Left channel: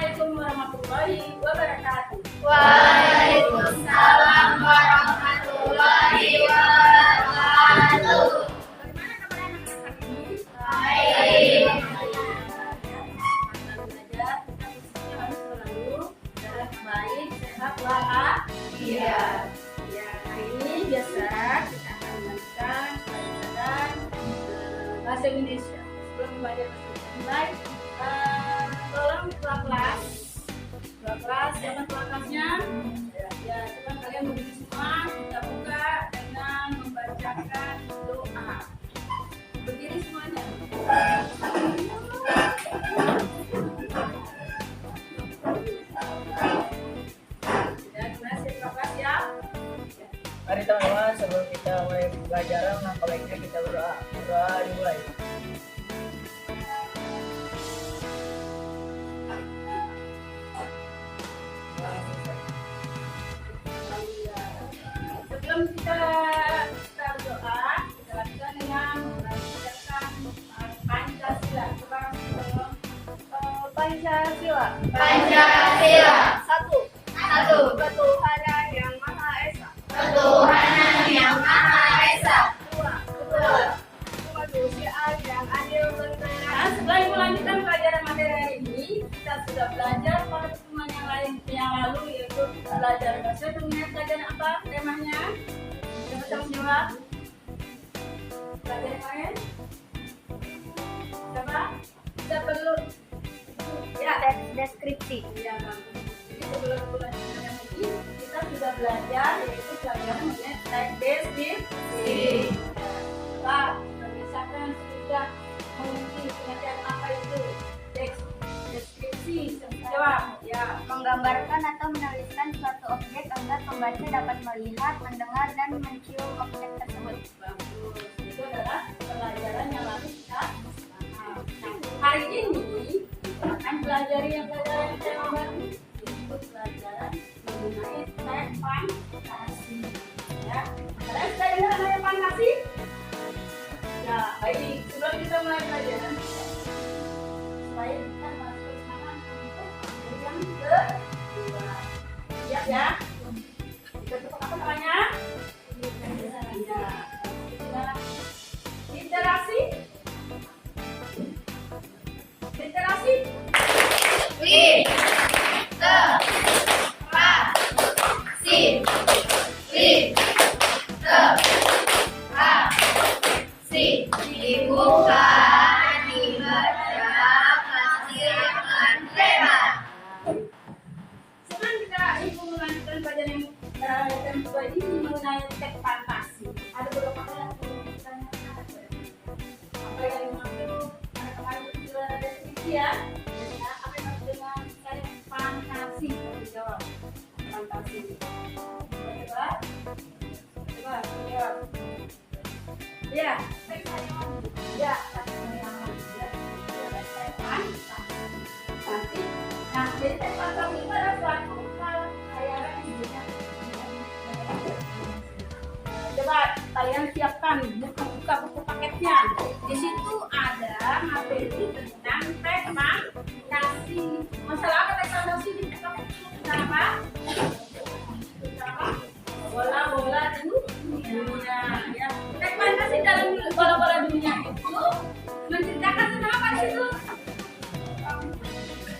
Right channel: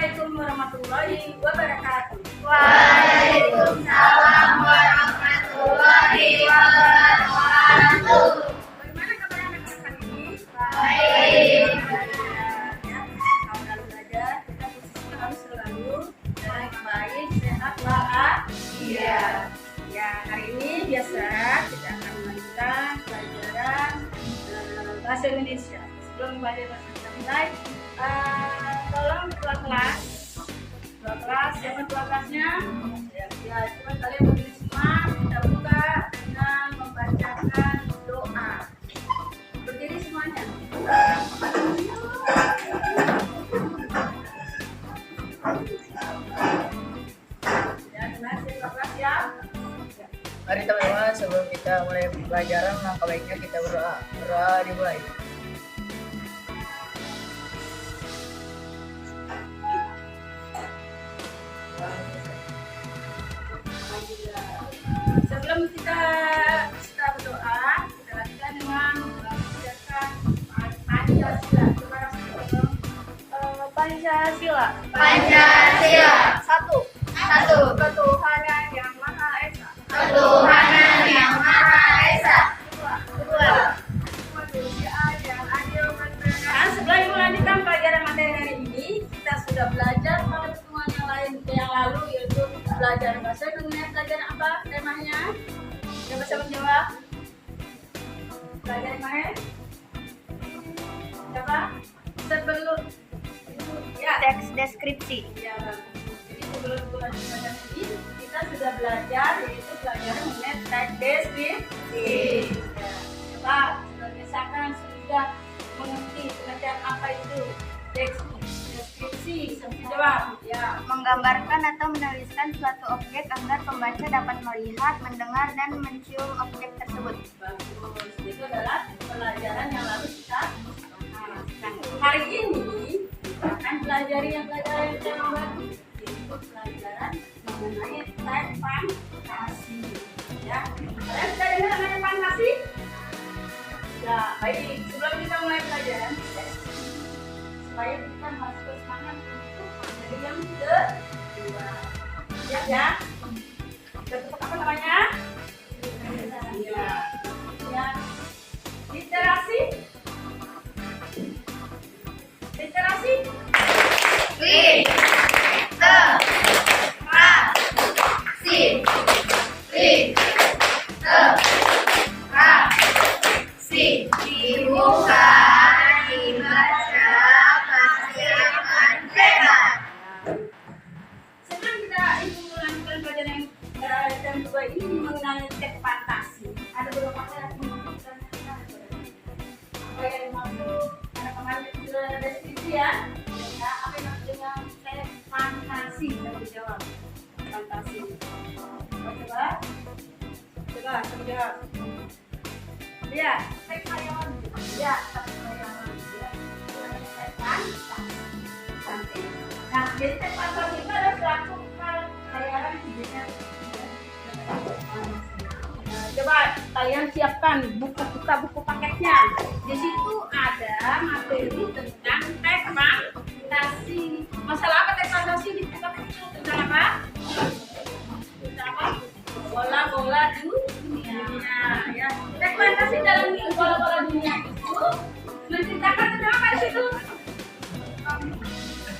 Assalamualaikum warahmatullahi wabarakatuh. Waalaikumsalam warahmatullahi wabarakatuh. Bagaimana kabar anak-anak hari ini? Baik. Kalau belajar, kita harus selalu dalam baik, sehat, walafiat. Ya, hari ini biasa kita akan melanjutkan pelajaran bahasa Indonesia. Sebelum belajar bahasa Indonesia mulai, tolong ketua kelas, siapa ketua kelasnya? Ya, coba kalian berdiri semua, kita buka dengan membacakan doa. Berdiri semuanya. Ya, kelas ketua kelas ya. Mari teman-teman, sebelum kita mulai pelajaran, langkah baiknya kita berdoa. Berdoa dimulai. Sebelum kita berdoa, kita lakukan dengan mengucapkan Pancasila. Coba kasih tolong. Pancasila. Pancasila. Satu. Satu. Ketuhanan yang Maha Esa. Ketuhanan yang Maha Esa. Kedua. Kemanusiaan yang adil dan beradab. Nah, sebelum melanjutkan pelajaran materi hari ini, kita sudah belajar pada pertemuan yang lalu, yaitu belajar bahasa Indonesia. Pelajaran apa temanya? Yang bisa menjawab? Pelajaran kemarin? Siapa? Sebelum itu ya. Teks deskripsi. Ya, jadi sebelum pelajaran ini kita sudah belajar, yaitu pelajaran mengenai teks deskripsi. Coba misalkan sudah mengerti pengertian apa itu teks deskripsi, jawab ya. Menggambarkan atau menuliskan suatu objek agar pembaca dapat melihat, mendengar, dan mencium objek tersebut. Bagus, itu adalah pelajaran yang lalu kita. Nah, hari ini kita akan pelajari pelajaran yang baru, yaitu pelajaran mengenai teks fantasi. Ya, kalian sudah dengar mengenai fantasi? Ya, baik. Sebelum kita mulai pelajaran, supaya kita masuk semangat untuk materi yang kedua. Siap ya? Bentuk apa namanya? Ya. Ya. Literasi. Literasi. Dibuka, dibaca, hasilkan tema. Senang kita ibu melanjutkan pelajaran yang kedua ini mengenai teks fantasi. Ada beberapa hal yang menentukan apa yang dimaksud. Ada kemarin sudah deskripsi ya. Ya, apa yang dimaksud dengan teks fantasi? Kita jawab. Fantasi. Coba. Coba jawab. Ya, teks hayawan. Ya, teks hayawan. Ya. Teks fantasi. Nah, jadi teks fantasi itu adalah suatu hal khayalan yang sebenarnya. Coba kalian siapkan buku paketnya. Di situ ada materi tentang teks fantasi. Masalah apa teks fantasi di buku paket itu? Tentang apa? Tentang apa? Bola-bola dunia. Ya. Teks fantasi dalam bola-bola dunia itu menceritakan tentang apa di situ?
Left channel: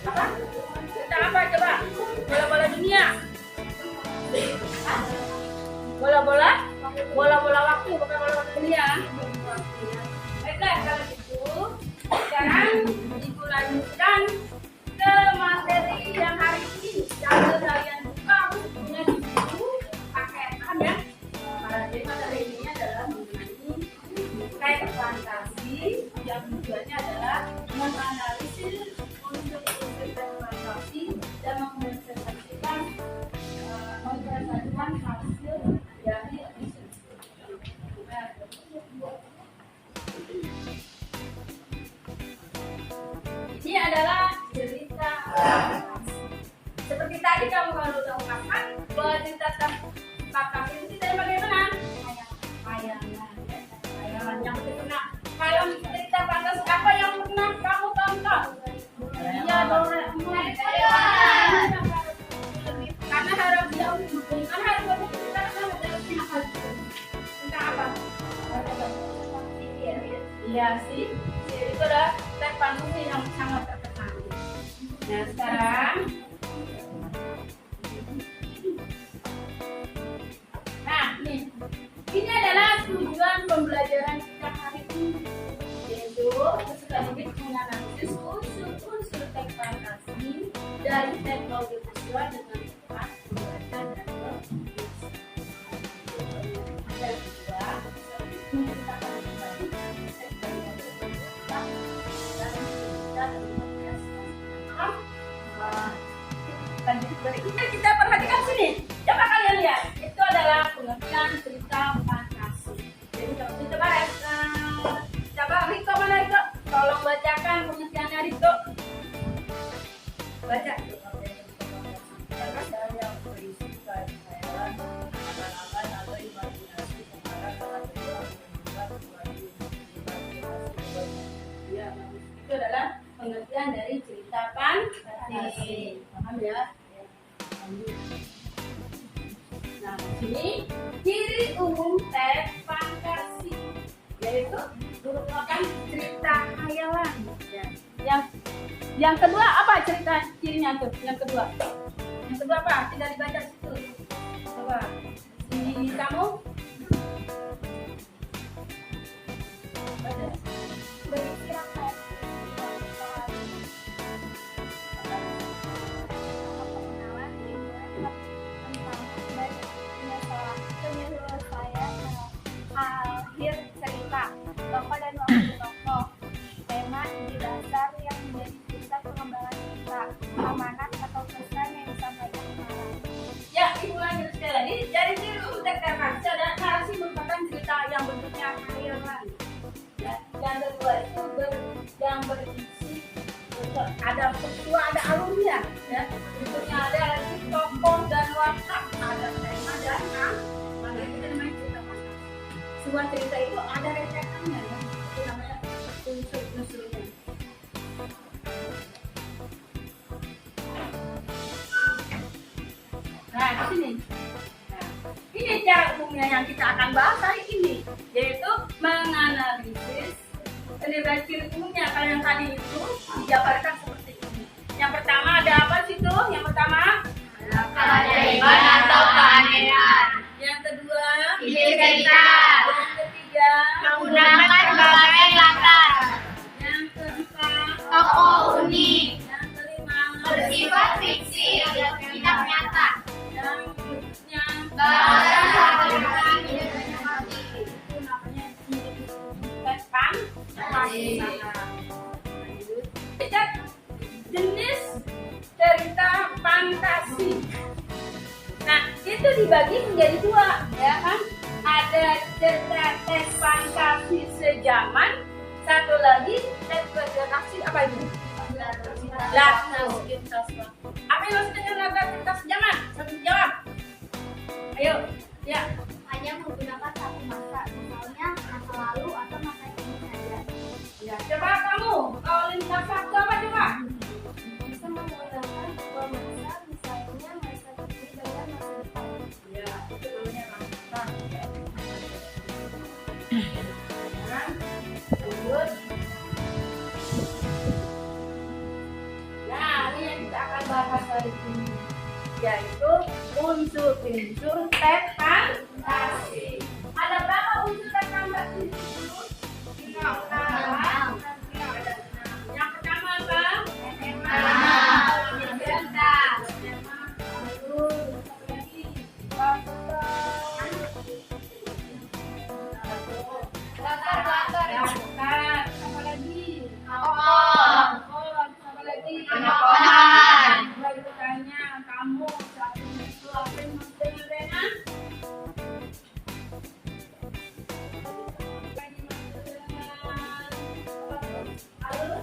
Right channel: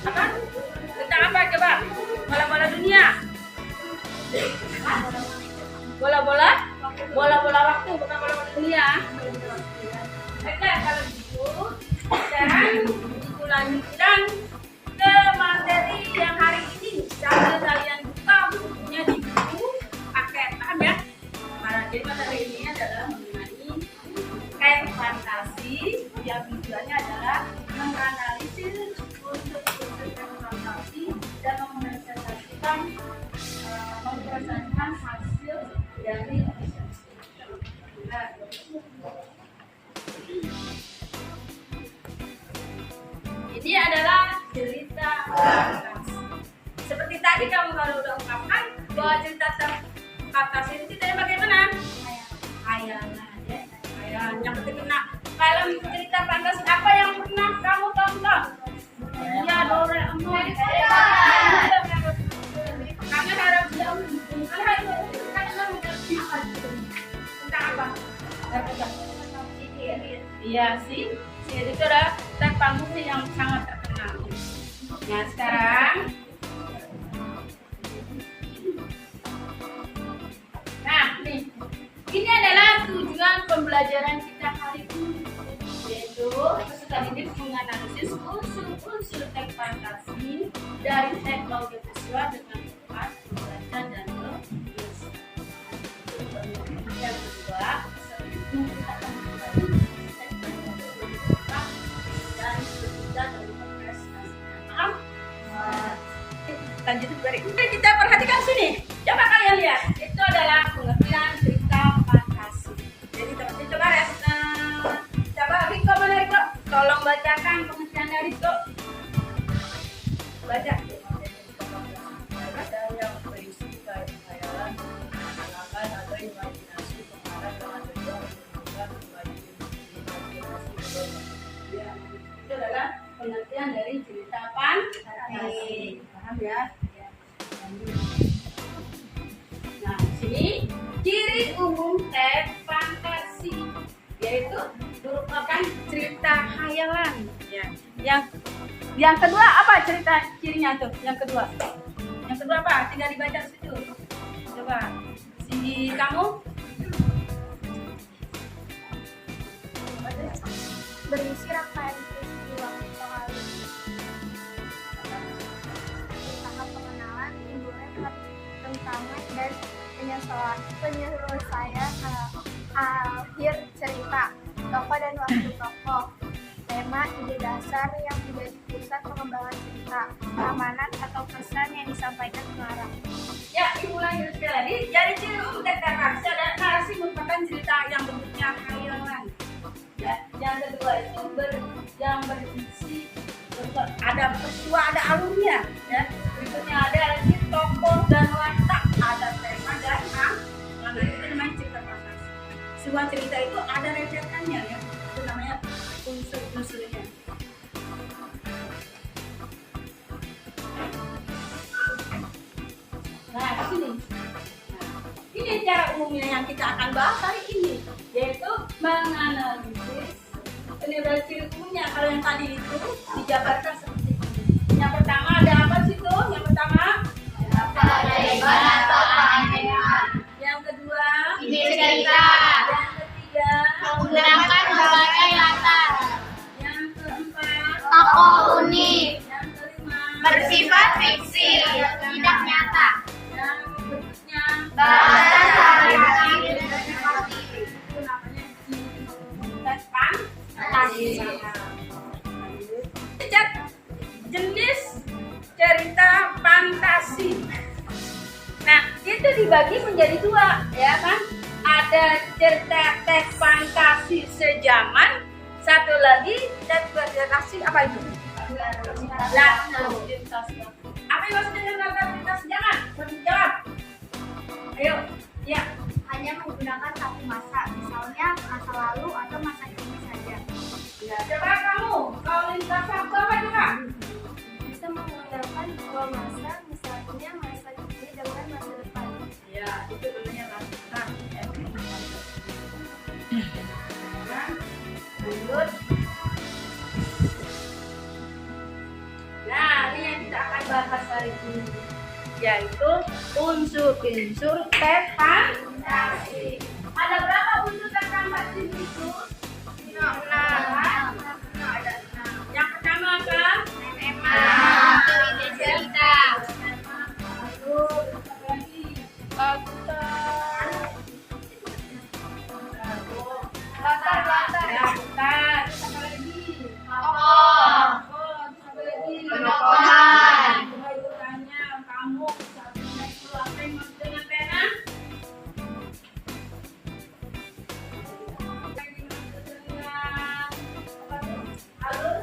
Apa? Tentang apa coba? Bola-bola dunia. Hah? Bola-bola waktu, bukan bola-bola dunia. Oke, kalau gitu sekarang ibu lanjutkan ke materi yang hari ini. Sambil kalian buka bukunya di buku paket, paham ya? Jadi materi ini adalah mengenai teks fantasi yang tujuannya adalah menganalisis unsur-unsur teks fantasi dan mempresentasikan hasil dari observasi. Nah, ini adalah cerita fantasi. Seperti tadi kamu kalau udah ungkapkan bahwa cerita fantasi itu ceritanya bagaimana? Hayalan, ya. Hayalan. Yang ketiga, nah, kalau cerita fantasi apa yang pernah kamu tonton? Ya, Doraemon. Iya sih, Siri itu adalah tepang musik yang sangat terkenal. Nah sekarang, nah nih, ini adalah tujuan pembelajaran kita hari ini, yaitu peserta didik menganalisis unsur-unsur teks fantasi dari teks audiovisual dengan tepat membaca dan menulis. Yang kedua, menceritakan kembali teks berbentuk dan cerita dan prestasi. Maaf. Lanjut berikutnya kita perhatikan sini. Coba kalian lihat, itu adalah pengertian cerita fantasi. Jadi teman-teman coba Riko mana Riko? Tolong bacakan pengertiannya Riko. Baca. Cerita yang berisi khayalan, angan-angan atau imajinasi pengarang dalam tujuan menunjukkan kembali imajinasi. Ya, itu adalah pengertian dari cerita fantasi. Paham ya? Ya. Nah, di sini ciri umum teks fantasi yaitu merupakan cerita khayalan. Ya. Yang kedua apa cirinya tuh? Yang kedua apa? Tidak dibaca di situ. Coba si kamu. Berisi rangkaian peristiwa mengawali tahap pengenalan, timbulnya tentangan dan penyelesaian akhir cerita, tokoh dan wakil tokoh, tema ide dasar yang menjadi pusat pengembangan cerita, amanat atau pesan yang disampaikan pengarang. Ya, ibu lanjut sekali lagi. Jadi ciri umum teks narasi adalah narasi merupakan cerita yang bentuknya khayalan. Ya, yang kedua itu yang berisi ada peristiwa, ada alurnya. Ya, berikutnya ada lagi tokoh dan watak, ada tema dan mana itu namanya cerita fantasi. Sebuah cerita itu ada retakannya ya, itu namanya unsur-unsurnya. Nah, di sini. Ini cara umumnya yang kita akan bahas hari ini, yaitu menganalisis penilaian ciri umumnya. Kalau yang tadi itu dijabarkan seperti ini. Yang pertama ada apa sih tuh? Yang pertama Keajaiban atau keanehan. Yang kedua Ide cerita. Yang ketiga Menggunakan berbagai latar. Yang keempat Tokoh unik. Yang kelima Bersifat fiksi, tidak nyata. Yang berikutnya Bahasan sehari-hari dengan itu namanya ciri umum teks fantasi. Lihat jenis cerita fantasi. Nah, itu dibagi menjadi dua, ya kan? Ada cerita teks fantasi sejaman, satu lagi teks fantasi apa itu? Latar lintas. Apa yang maksudnya dengan latar lintas sejaman? Satu jawab. Ayo, ya. hanya menggunakan satu masa, misalnya masa lalu atau masa kini saja. Ya, coba kamu, kalau lintas waktu apa coba? Bisa menggunakan dua masa, misalnya masa kini dengan masa depan. Ya, itu namanya latar. Ya. Nah, lanjut. Nah, ini yang kita akan bahas hari ini, yaitu unsur-unsur teks fantasi. Ada berapa unsur teks fantasi itu? 6. Ada 6. Yang pertama apa? Tema, ide cerita, Tema, alur, apa lagi? latar, Latar, apa lagi? tokoh, Apa lagi? Penokohan. Coba ibu tanya, kamu saat ini itu apa yang maksud dengan pena? Apa yang dimaksud dengan apa tuh? Alur?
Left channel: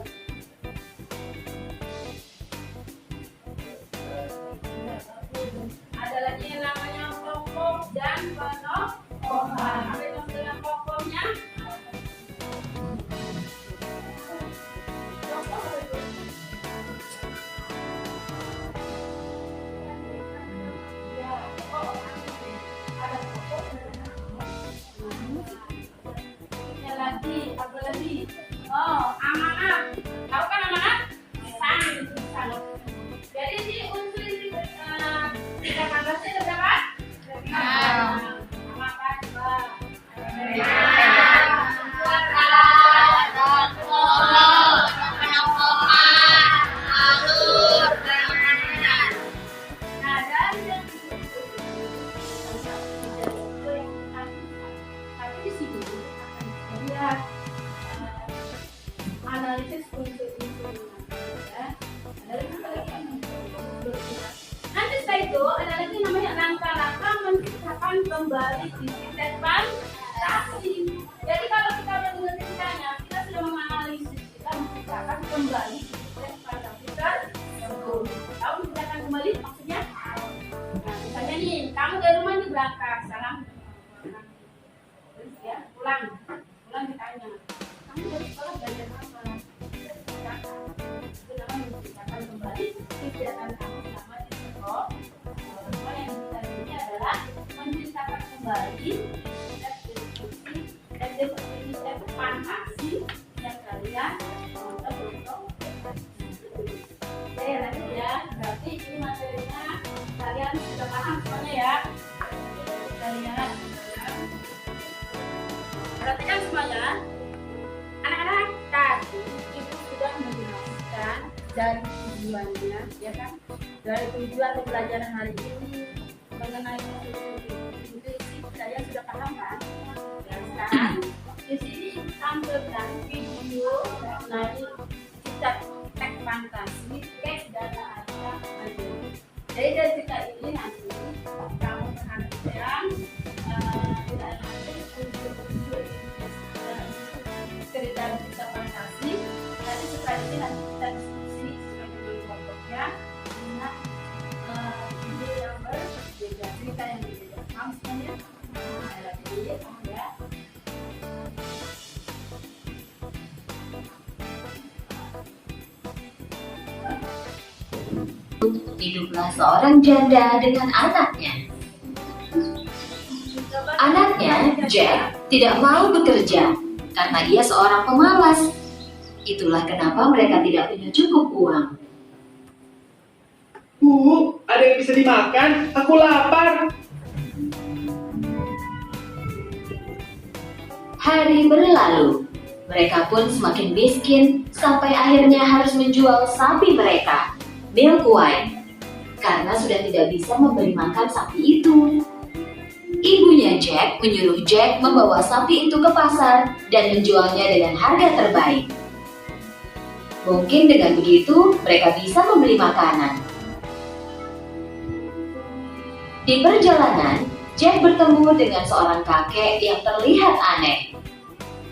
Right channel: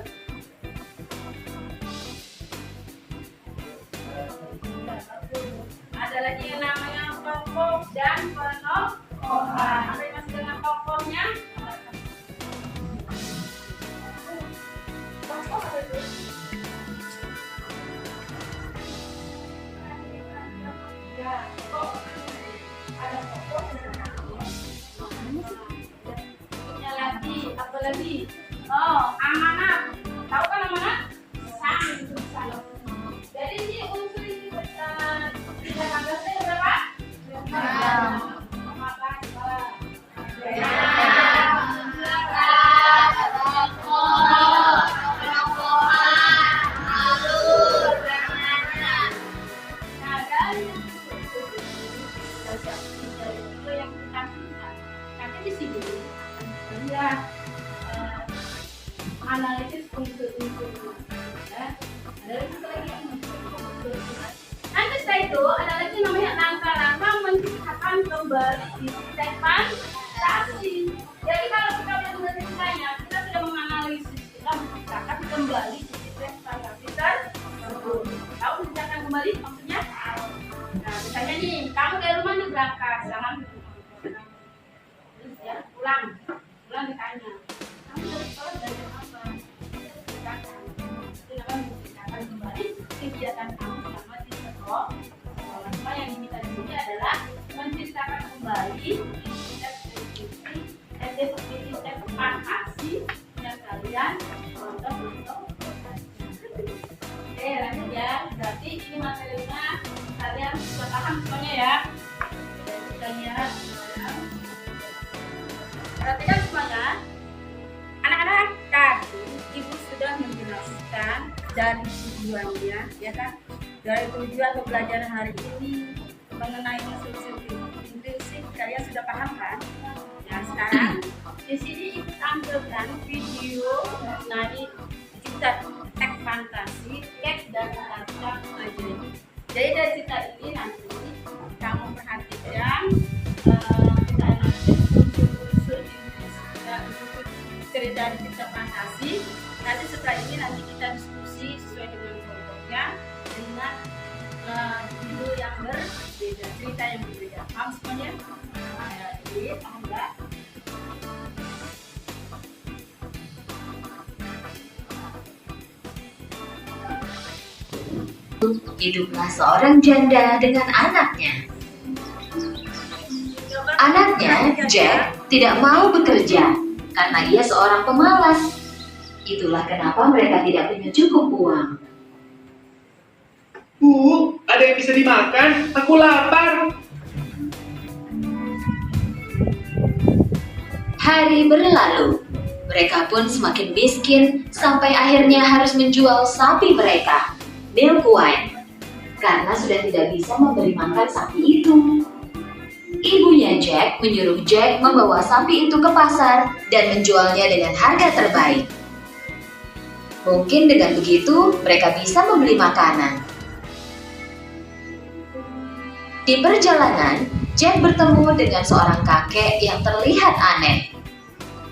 Ada lagi yang namanya tokoh dan penokohan. Apa yang maksud dengan tokohnya? Tokoh apa itu? Ya, tokoh. Ada tokoh dan ada tokoh. Punya lagi apa Apa lagi? Oh, amanat. Tahu kan amanat? Pesan. Jadi si unsur ini 13 itu berapa? Amanat dua. Nah, dari yang nanti di sini akan lihat analisis unsur-unsur ya. Ada satu lagi yang nanti setelah itu ada lagi namanya rangka-rangka menciptakan kembali detekan fantasi. Jadi kalau kita sudah mengertikannya, kita sudah menganalisis, kita menciptakan kembali detekan fantasi tersebut. Tahu menciptakan kembali maksudnya? Nah, misalnya nih, kamu dari rumah nih berangkat, jangan ya, pulang ditanya, kamu dari sekolah belajar apa? Itu namanya menciptakan kembali kegiatan kamu selama di sekolah. Semua yang kita di sini adalah menciptakan kembali step fantasi yang kalian untuk oke, lanjut ya. Berarti ini materinya kalian sudah paham semuanya ya. Kita lihat. Perhatikan semuanya. Anak-anak, tadi ibu sudah menjelaskan dari tujuannya, ya kan? Dari tujuan pembelajaran hari ini mengenai inklusif, kalian sudah paham kan? Ya, sekarang di sini tampilkan video mengenai cita teks fantasi, teks dan kata majeri. Jadi dari cerita ini nanti kamu perhatikan cerita fantasi. Nanti setelah ini nanti kita diskusi sesuai dengan kelompoknya dengan video yang berbeda, cerita yang berbeda. Paham semuanya? Jadi paham nggak? Hiduplah seorang janda dengan anaknya. Anaknya, Jack, tidak mau bekerja karena ia seorang pemalas. Itulah kenapa mereka tidak punya cukup uang. Bu, ada yang bisa dimakan? Aku lapar. Hari berlalu. Mereka pun semakin miskin sampai akhirnya harus menjual sapi mereka, Milkweed, karena sudah tidak bisa memberi makan sapi itu. Ibunya Jack menyuruh Jack membawa sapi itu ke pasar dan menjualnya dengan harga terbaik. Mungkin dengan begitu mereka bisa membeli makanan. Di perjalanan, Jack bertemu dengan seorang kakek yang terlihat aneh.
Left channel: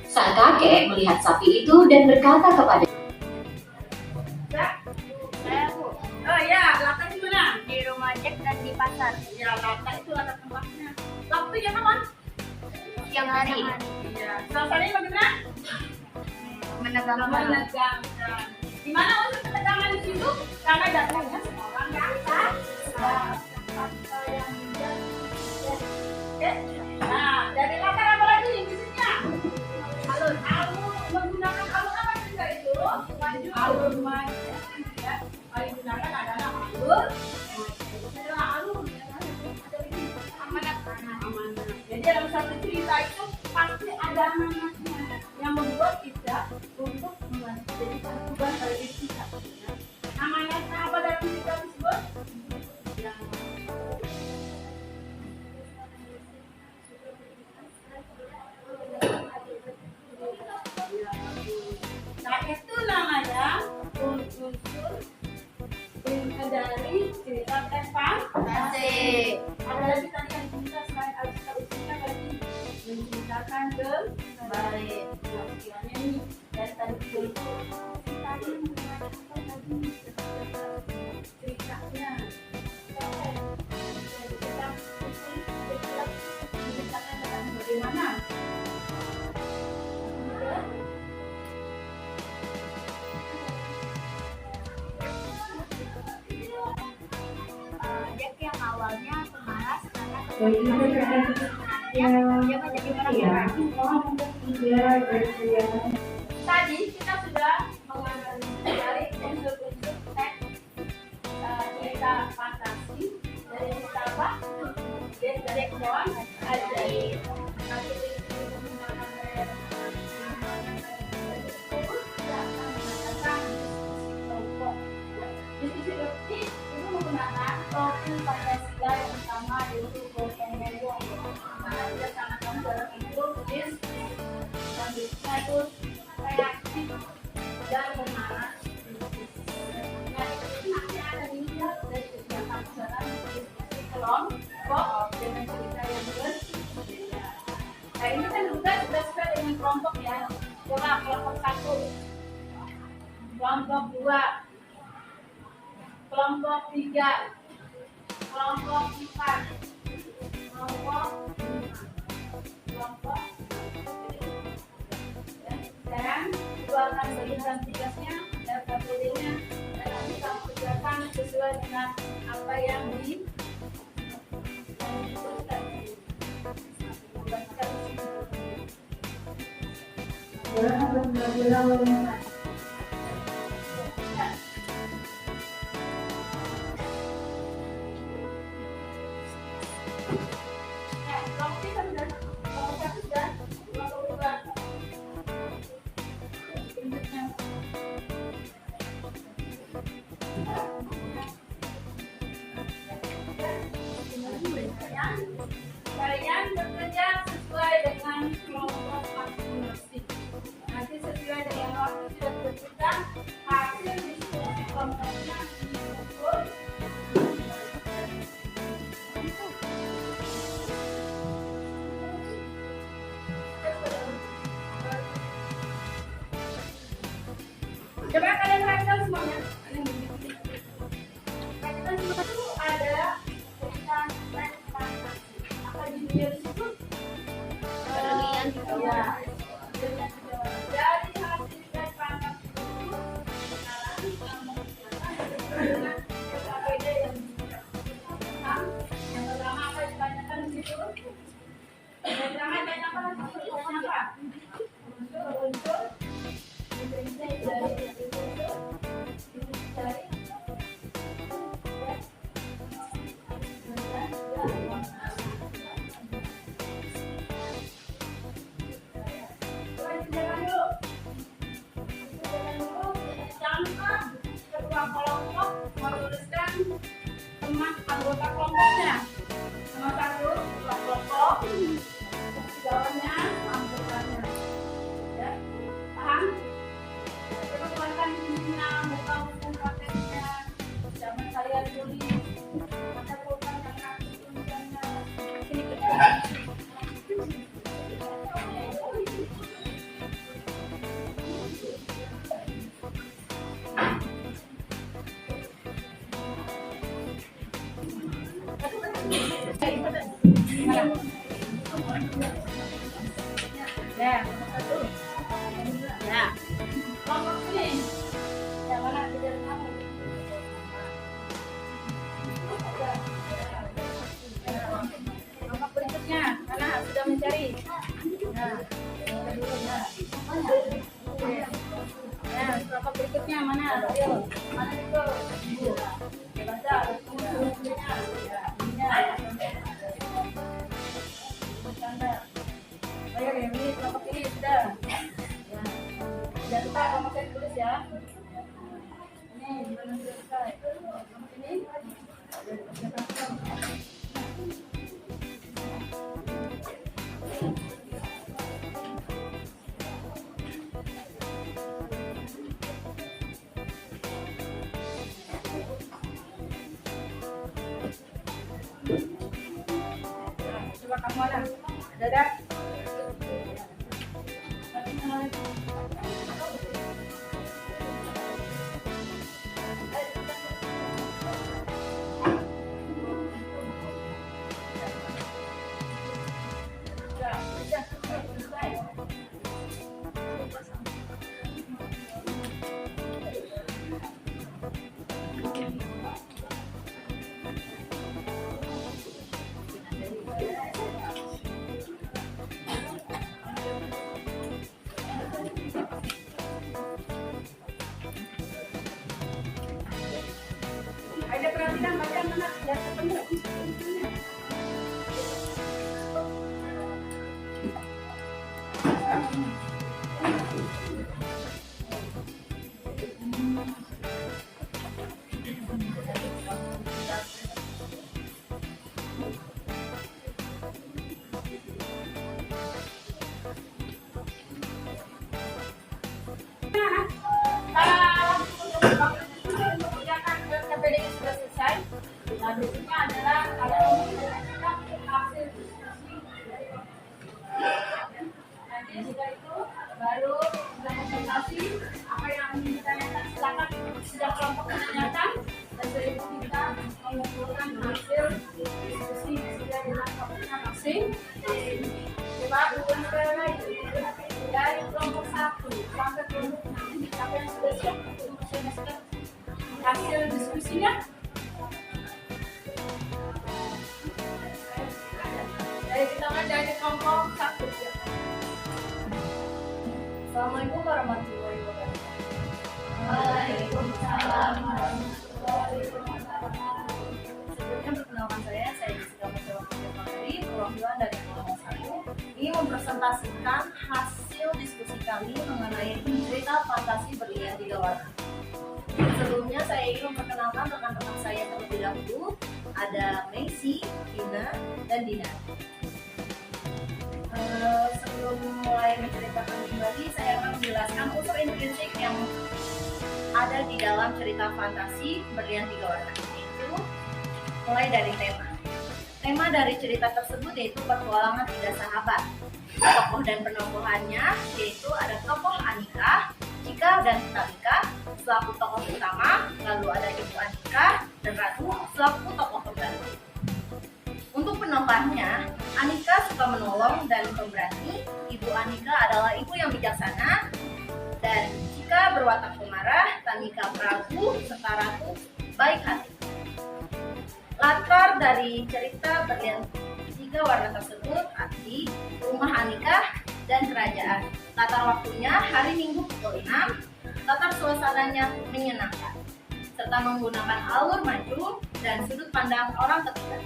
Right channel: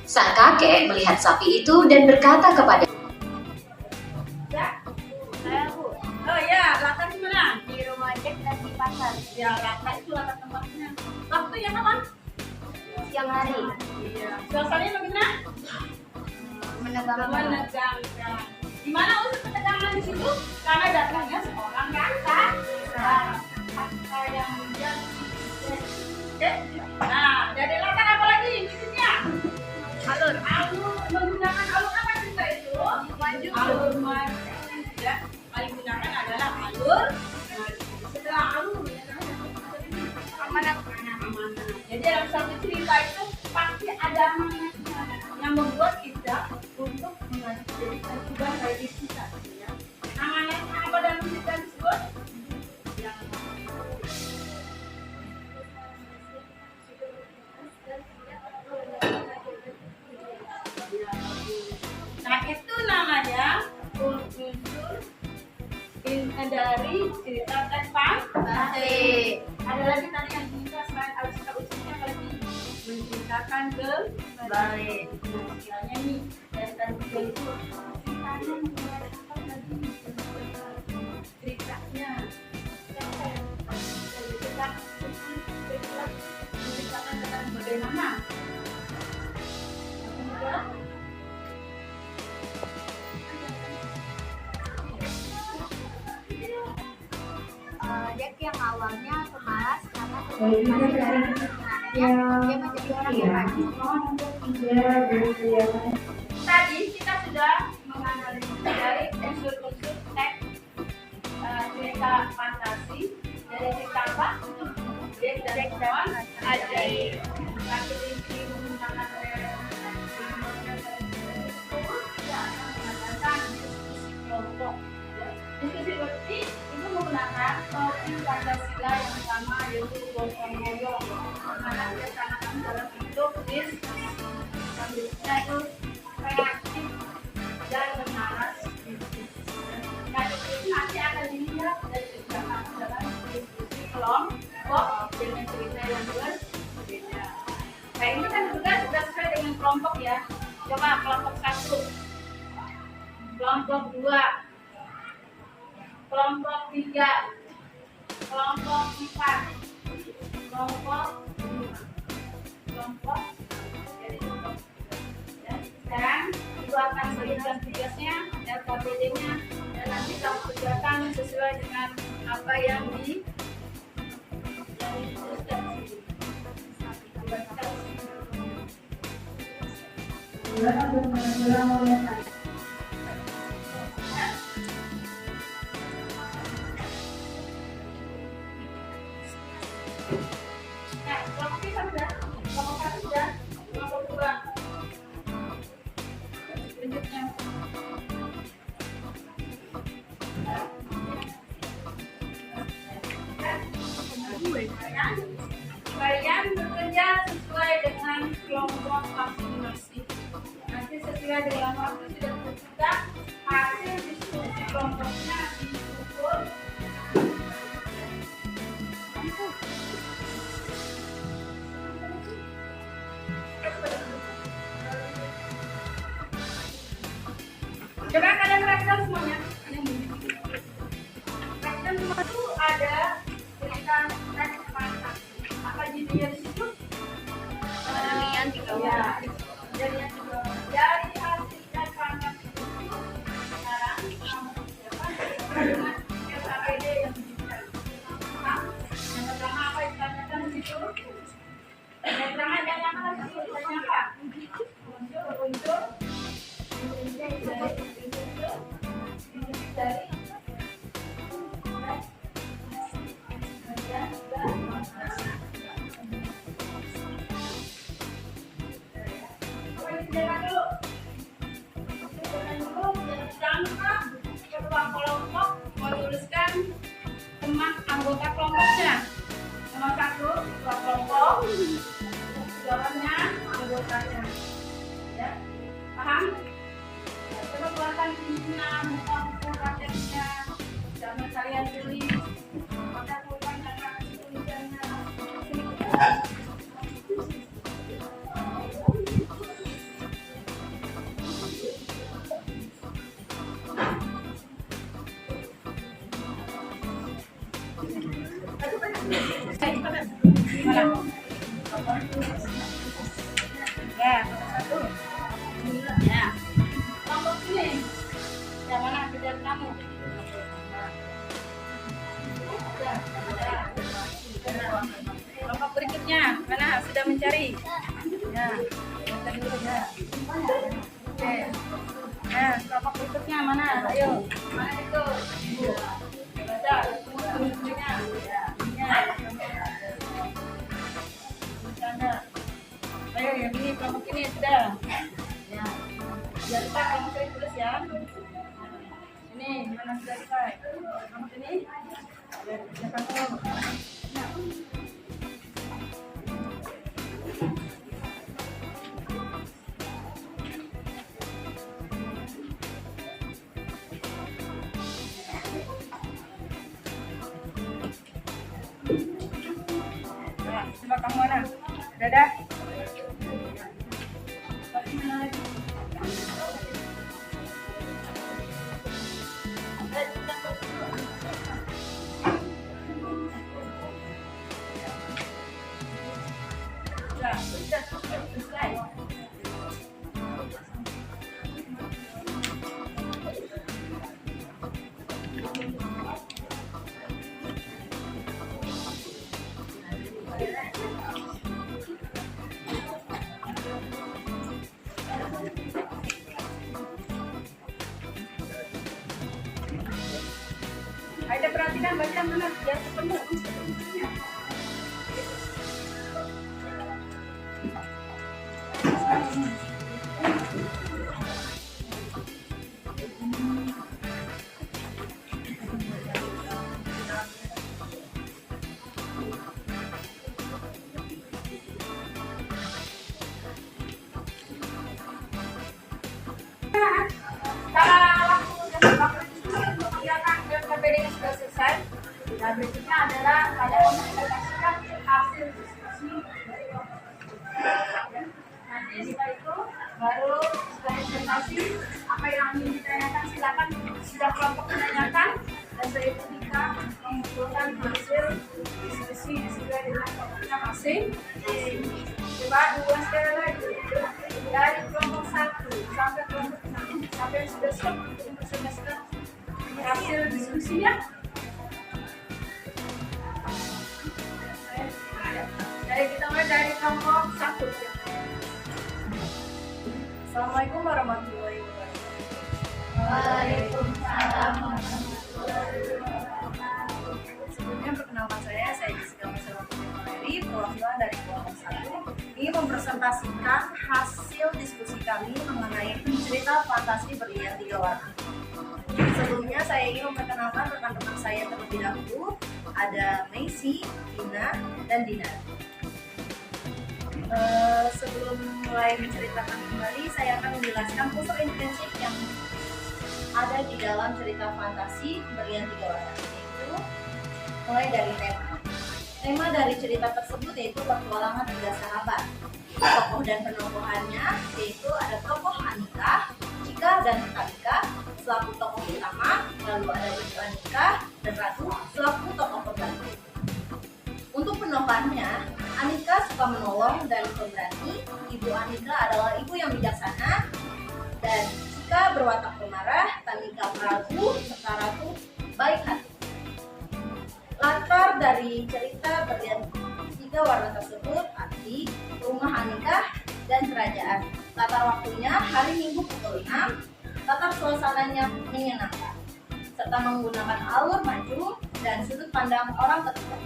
Sang kakek melihat sapi itu dan berkata kepada Oh ya, latar di mana? Di rumah Jack dan di pasar. Ya, latar itu latar tempatnya. Waktunya kapan? Siang hari. Iya. Suasananya bagaimana? Menegangkan. Menegangkan. Di mana unsur ketegangan di situ? Karena datangnya seorang ganteng. Fakta yang menjadi. Oke. Nah, dari latar apa lagi bisnisnya? Alur. Menggunakan alur apa juga itu? Maju. Alur maju. Ya. Paling digunakan adalah alur maju. Setelah alur, amanah. Jadi dalam satu cerita itu pasti ada amanahnya yang membuat kita untuk menjadi kewajiban dari diri kita. Ya. Amanahnya apa dalam cerita tersebut? Nah, itu namanya unsur dari cerita teks fantasi. Ada lagi tadi yang bisa selain alur usulnya lagi menceritakan kembali. Nah, kiranya nih dari tadi itu ceritanya menceritakan lagi ceritanya. Kita menceritakan tentang bagaimana. Jack yang awalnya pemalas karena kesulitan dia menjadi orang yang baik. Tadi kita sudah menganalisis dari unsur-unsur teks cerita fantasi dari cerita apa? Jack dan Ajaib. Nanti ini menggunakan kelompok. Diskusi berarti itu menggunakan topik Pancasila yang pertama yaitu gotong royong. Karena dia sangat dalam bentuk selanjutnya itu reaktif dan menarik. Nah, itu nanti akan dilihat dari kegiatan dalam diskusi kelompok dengan cerita yang berbeda. Nah, ini kan juga sudah sesuai dengan kelompok ya. Coba kelompok 1, kelompok 2, kelompok 3, kelompok 4, kelompok 5, kelompok dan itu akan berikan tugasnya dan KPD-nya dan nanti kamu kerjakan sesuai dengan apa yang dituliskan. Nah, kelompok kita sudah, kelompok 1 sudah, kelompok 2. Berikutnya. Kalian bekerja sesuai dengan kelompok masing-masing. Nanti sesuai dengan waktu sudah ditentukan, hasil diskusi kelompoknya dikumpul. Coba kalian perhatikan semuanya. Perhatikan semua itu ada cerita teks fantasi. Apa judulnya di situ? Demikian di bawah. Ya, demikian di bawah. Dari hasil teks fantasi itu sekarang kamu kerjakan dengan SAPD yang diberikan. Yang pertama apa ditanyakan di situ? Yang pertama ditanyakan di situ. Ditanya apa? Unsur. Ketua kelompok menuliskan teman anggota kelompoknya. Nomor 1 ketua kelompok, bawahnya anggotanya. Ya, paham? Coba keluarkan pimpinan, muka buku prakteknya, jangan kalian tulis, maka pulpen dan kartu tulisannya. Ya. Ya. Kelompok ini. Yang mana kerjaan kamu? Kelompok berikutnya, mana sudah mencari? Ya. Dulu ya. Oke. Ya, kelompok berikutnya mana? Ayo. Mana itu? Baca. Berikutnya. Ya. Bercanda. Ayo yang ini kelompok ini sudah. Ya. Jangan lupa kamu cari tulis ya. Ini mana sudah selesai? Kelompok ini. Ya, siapa tahu. Coba kamu mana? Dadah. benar biar ketemu. KPD-nya sudah selesai. Nah, berikutnya adalah kalian mempresentasikan hasil diskusi. Nanti setelah itu baru sudah presentasi apa yang ingin ditanyakan, silakan sudah kelompok menanyakan, dan setelah itu kita mengumpulkan hasil diskusi sesuai dengan kelompoknya masing. Coba dua sekali lagi dari kelompok 1 sampai kelompok 6. Siapa yang sudah siap untuk mempresentasikan hasil diskusinya? Jadi kita mulai dari kelompok 1. Assalamualaikum warahmatullahi wabarakatuh. Waalaikumsalam warahmatullahi wabarakatuh. Sebelumnya perkenalkan saya Jessica Marcella Putri, perwakilan dari kelompok 1. Ini mempresentasikan hasil diskusi kami mengenai cerita fantasi berlian 3 warna. Sebelumnya saya ingin memperkenalkan rekan-rekan saya terlebih dahulu. Ada Macy, Dina, dan Dina. Sebelum mulai menceritakan kembali, saya akan menjelaskan unsur intrinsik yang ada di dalam cerita fantasi berlian 3 warna, yaitu mulai dari tema. Tema dari cerita tersebut yaitu petualangan 3 sahabat. Tokoh dan penokohannya yaitu ada tokoh Anika, Cika, dan Tamika selaku tokoh utama, lalu ada Ibu Anika dan Ratu selaku tokoh pembantu. Untuk penokohnya, Anika suka menolong dan pemberani, Ibu Anika adalah ibu yang bijaksana, dan Cika berwatak pemarah, Tamika peragu, serta Ratu baik hati. Latar dari cerita berlian 3 warna tersebut arti rumah Anika dan kerajaan. Latar waktunya hari Minggu pukul 6. Latar suasananya menyenangkan, serta menggunakan alur maju dan sudut pandang orang ketiga.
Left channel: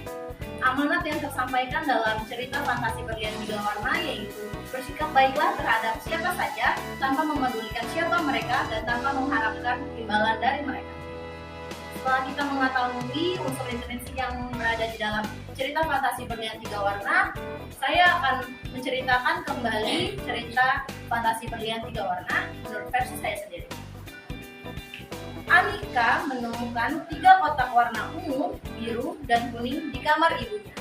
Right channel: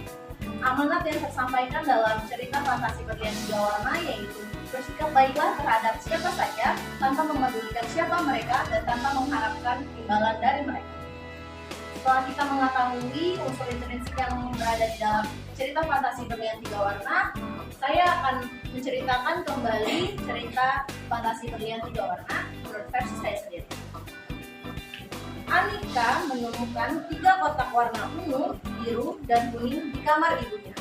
Amanat yang tersampaikan dalam cerita fantasi berlian 3 warna yaitu bersikap baiklah terhadap siapa saja tanpa memedulikan siapa mereka dan tanpa mengharapkan imbalan dari mereka. Setelah kita mengetahui unsur intrinsik yang berada di dalam cerita fantasi berlian 3 warna, saya akan menceritakan kembali cerita fantasi berlian 3 warna menurut versi saya sendiri. Anika menemukan 3 kotak warna ungu, biru, dan kuning di kamar ibunya.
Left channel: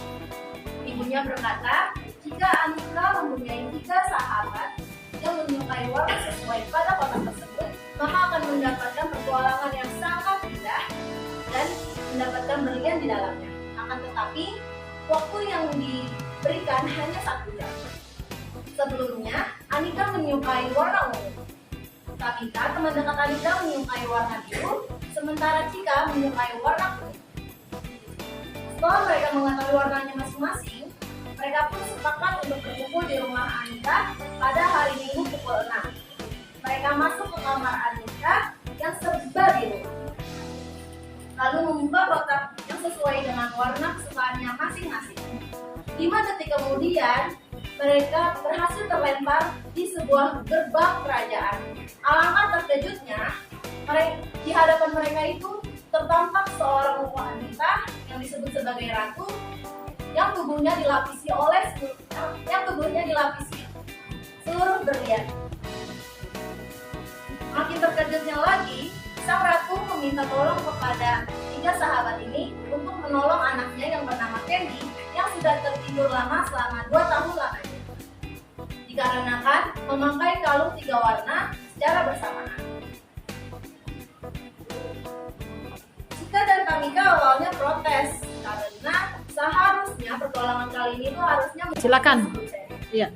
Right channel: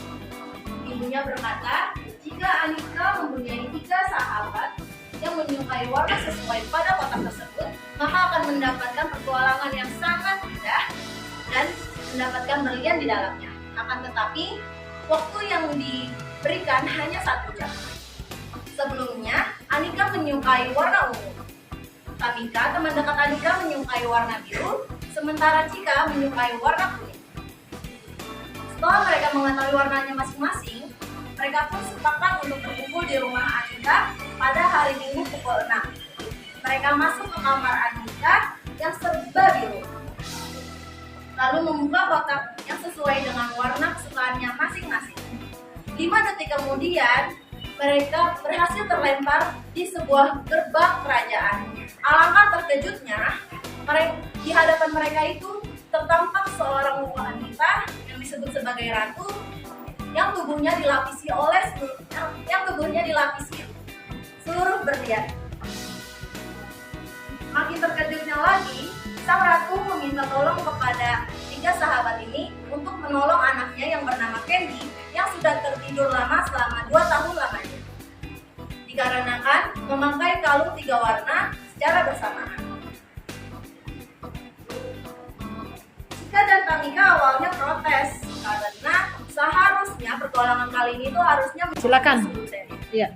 Ibunya berkata, jika Anika mempunyai 3 sahabat yang menyukai warna sesuai pada kotak tersebut, maka akan mendapatkan petualangan yang sangat indah dan mendapatkan berlian di dalamnya. Akan tetapi, waktu yang diberikan hanya 1 jam. Sebelumnya, Anika menyukai warna ungu. Tamika, teman dekat Anika, menyukai warna biru, sementara Cika menyukai warna kuning. Setelah mereka mengetahui warnanya masing-masing, mereka pun sepakat untuk berkumpul di rumah Anika pada hari Minggu pukul 6. Mereka masuk ke kamar Anika yang serba biru, lalu membuka kotak yang sesuai dengan warna kesukaannya masing-masing. 5 detik kemudian, mereka berhasil terlempar di sebuah gerbang kerajaan. Alangkah terkejutnya, di hadapan mereka itu tertampak seorang wanita yang disebut sebagai ratu, yang tubuhnya dilapisi seluruh berlian. Makin terkejutnya lagi, sang ratu meminta tolong kepada 3 sahabat ini untuk menolong anaknya yang bernama Candy yang sudah tertidur lama selama 2 tahun lamanya, dikarenakan memakai kalung 3 warna secara bersamaan. Cika dan Tamika awalnya protes karena seharusnya pertolongan kali ini tuh harusnya Silakan. Iya.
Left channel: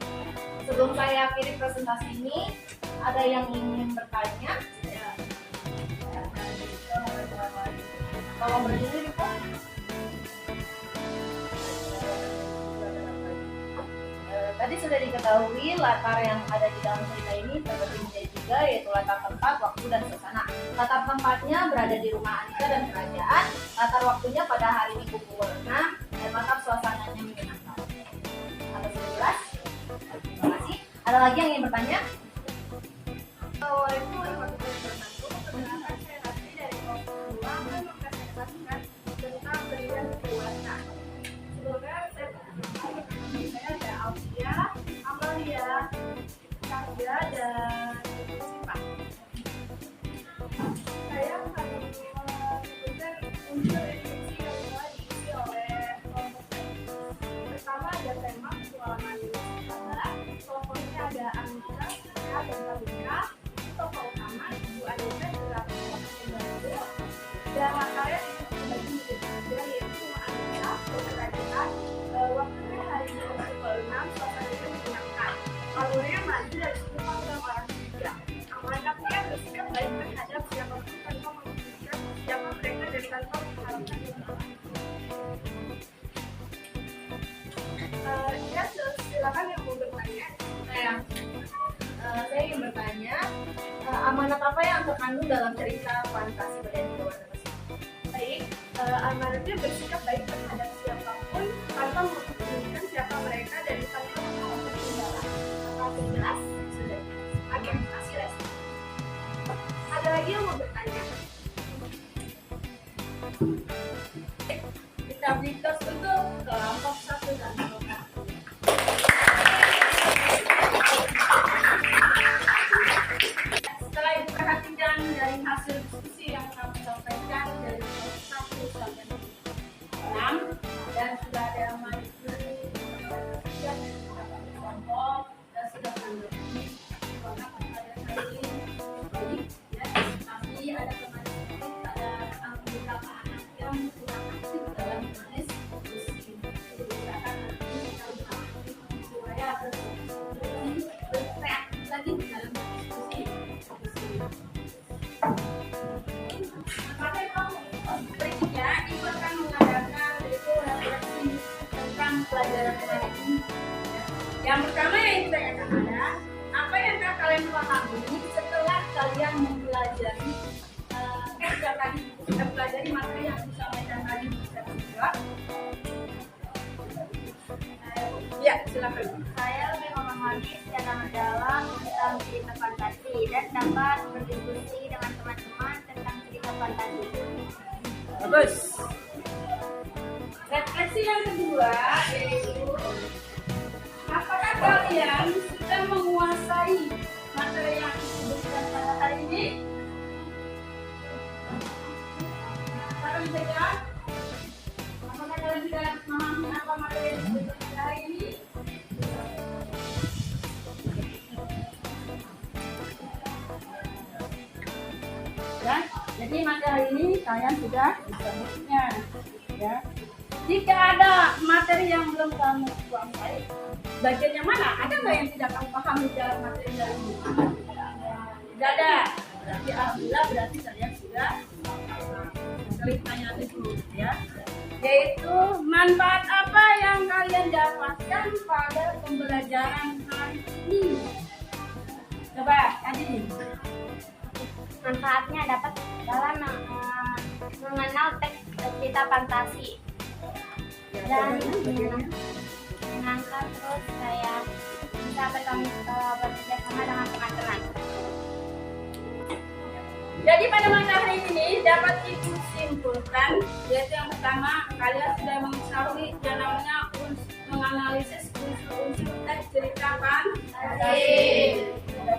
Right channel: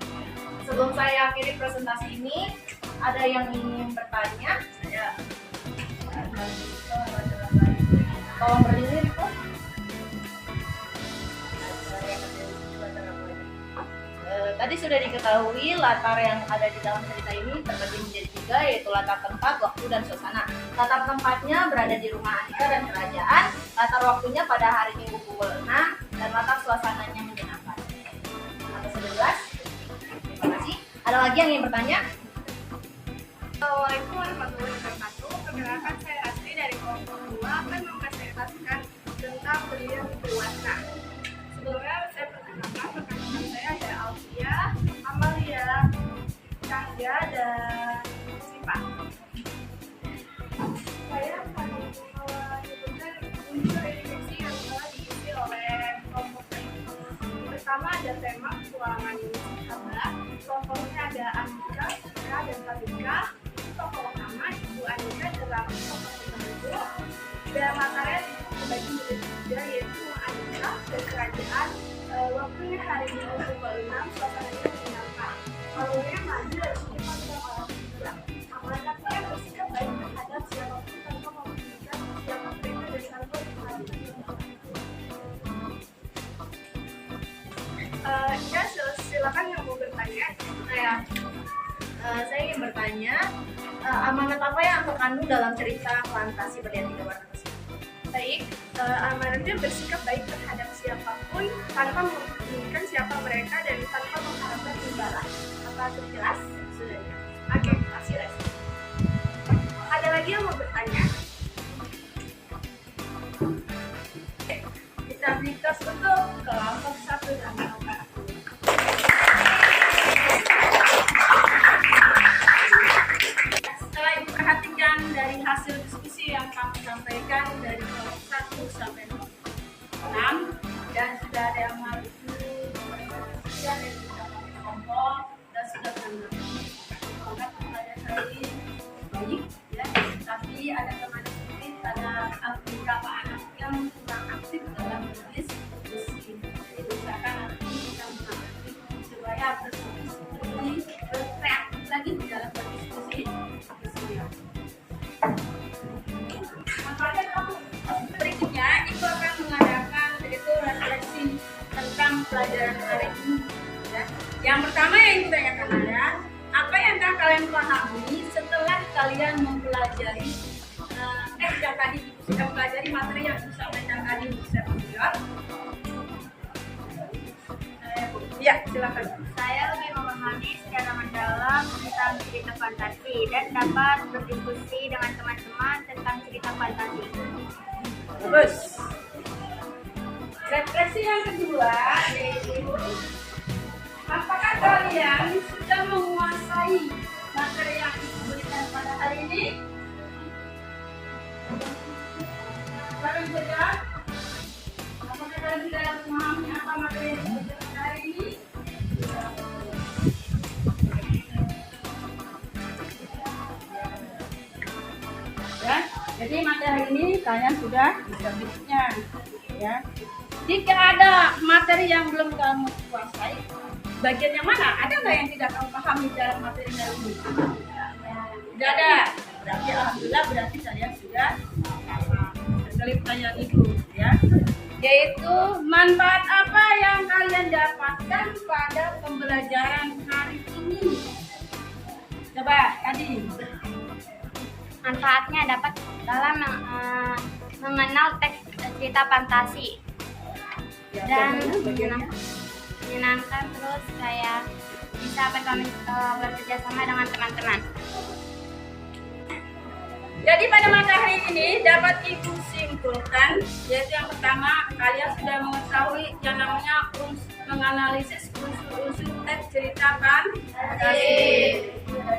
Sebelum saya akhiri presentasi ini, ada yang ingin bertanya? Tolong berdiri, Riko. Tadi sudah diketahui latar yang ada di dalam cerita ini terbagi menjadi 3, yaitu latar tempat, waktu, dan suasana. Latar tempatnya berada di rumah Andika dan kerajaan. Latar waktunya pada hari Minggu pukul 6 dan latar suasananya menyenangkan. Ada 11. Terima kasih. Ada lagi yang ingin bertanya? Assalamualaikum warahmatullahi wabarakatuh. Perkenalkan, saya Asri dari kelompok 2 akan mempresentasikan tentang berlian berwarna. Sebelumnya saya perkenalkan rekan-rekan saya ada Alfia, Amalia, Kangga, dan Sipa. Saya akan menyebutkan unsur instruksi yang telah diisi oleh kelompok ini. Pertama ada tema petualangan Sabah. Tokohnya ada Andika, Sarah, dan Fadika. Tokoh utama Ibu Andika dalam tokoh pembantu. Dan makarnya dibagi menjadi 3, yaitu Andika dan kerajaan. Waktunya hari Minggu pukul 6, suasananya menyenangkan. Alurnya maju dari segi pandang orang ketiga. Amanatnya bersikap baik terhadap siapapun tanpa memikirkan siapa mereka dan tanpa mengharapkan imbalan. Ya, silakan yang mau bertanya. Saya ingin bertanya, amanat apa yang terkandung dalam cerita fantasi berlian 3 warna tersebut? Baik, amanatnya bersikap baik terhadap siapapun tanpa memikirkan siapa mereka dan tanpa mengharapkan imbalan. Apa itu jelas? Sudah. Oke, kasih les. Ada lagi yang mau bertanya? Kita beri tos untuk kelompok 1 dan kelompok 2. Setelah ibu perhatikan dari hasil diskusi yang kami sampaikan dari kelompok 1 sampai kelompok 6, dan sudah ada yang maju dan yang sudah pakai kelompok dan sudah mengerti semangat pembelajaran hari ini baik ya, tapi ada teman sedikit, ada beberapa anak yang kurang aktif dalam menulis diskusi. Jadi silakan nanti kita mengamati supaya berkreatif lagi di dalam berdiskusi. Berikutnya, Ibu akan mengadakan yaitu refleksi tentang pelajaran hari ini. Ya. Yang pertama yang Ibu tanyakan adalah apa yang telah kalian pahami setelah kalian mempelajari teks yang tadi mempelajari materi yang disampaikan tadi di seminar. Ya, silakan. Saya lebih memahami secara mendalam tentang cerita fantasi dan dapat berdiskusi dengan teman-teman tentang cerita fantasi. Bagus. Refleksi yang kedua yaitu apakah kalian sudah menguasai materi yang diberikan pada hari ini? Barang saja. Apakah kalian sudah memahami apa materi yang diberikan pada hari ini? Ya, jadi materi ini kalian sudah bisa bentuknya, ya. Jika ada materi yang belum kamu kuasai, bagian yang mana? Ada nggak yang tidak kamu pahami dalam materi dari ini? Tidak ada. Berarti alhamdulillah berarti kalian sudah paham. Sekali pertanyaan itu, ya. Yaitu manfaat apa yang kalian dapatkan pada pembelajaran hari ini? Coba, Adi. Manfaatnya dapat dalam mengenal teks cerita fantasi dan menyenangkan, terus saya bisa bekerja sama dengan teman-teman. Jadi pada materi ini dapat Ibu simpulkan, yaitu yang pertama kalian sudah mengetahui yang namanya menganalisis unsur-unsur teks cerita fantasi. Dari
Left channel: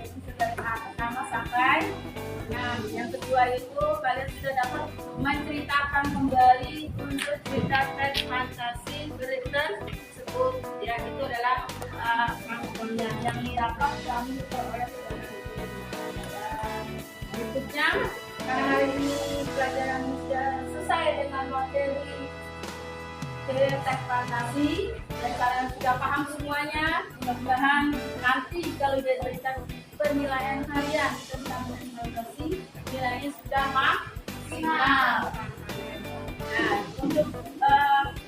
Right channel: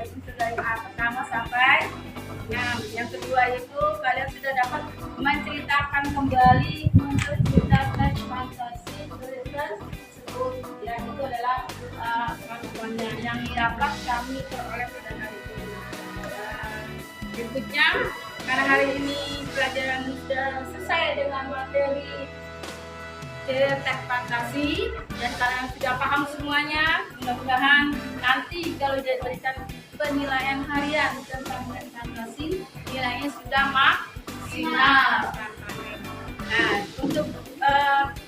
unsur dari pertama sampai 6. Yang kedua itu kalian sudah dapat menceritakan kembali unsur cerita teks fantasi tersebut. Ya, itu adalah yang dapat kami peroleh pada hari ini. Berikutnya, karena hari ini pelajaran sudah selesai dengan materi teks fantasi dan kalian sudah paham semuanya, mudah-mudahan nanti kalau diberikan penilaian harian tentang teks fantasi, nilainya sudah maksimal. Nah, untuk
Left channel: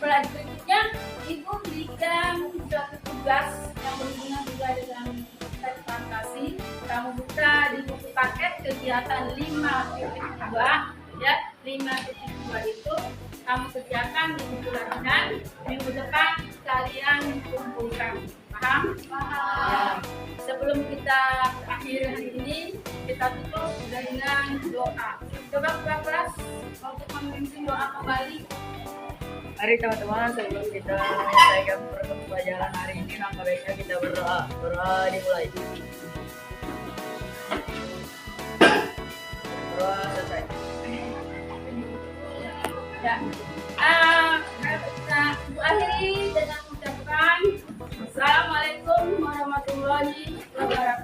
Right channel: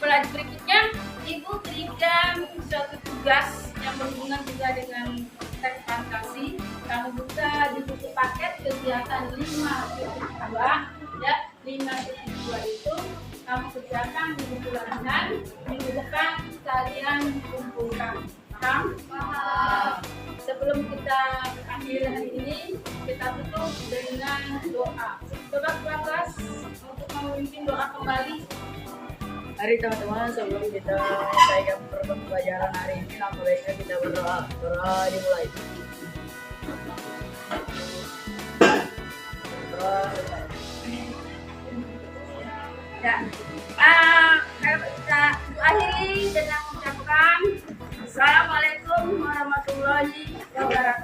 pelajaran berikutnya, Ibu berikan suatu tugas yang berhubungan juga dengan teks fantasi. Kamu buka di buku paket kegiatan 5.2 ya. 5.2 itu kamu kerjakan minggu latihan, minggu depan kalian kumpulkan. Paham? Ya. Sebelum kita akhir hari ini, kita tutup dengan doa. Coba kelas untuk memimpin doa kembali. Mari teman-teman, sebelum kita menyelesaikan program pelajaran hari ini, langkah baiknya kita berdoa. Berdoa dimulai. Berdoa selesai. Ya. Kita akhiri dengan mengucapkan Assalamualaikum warahmatullahi wabarakatuh.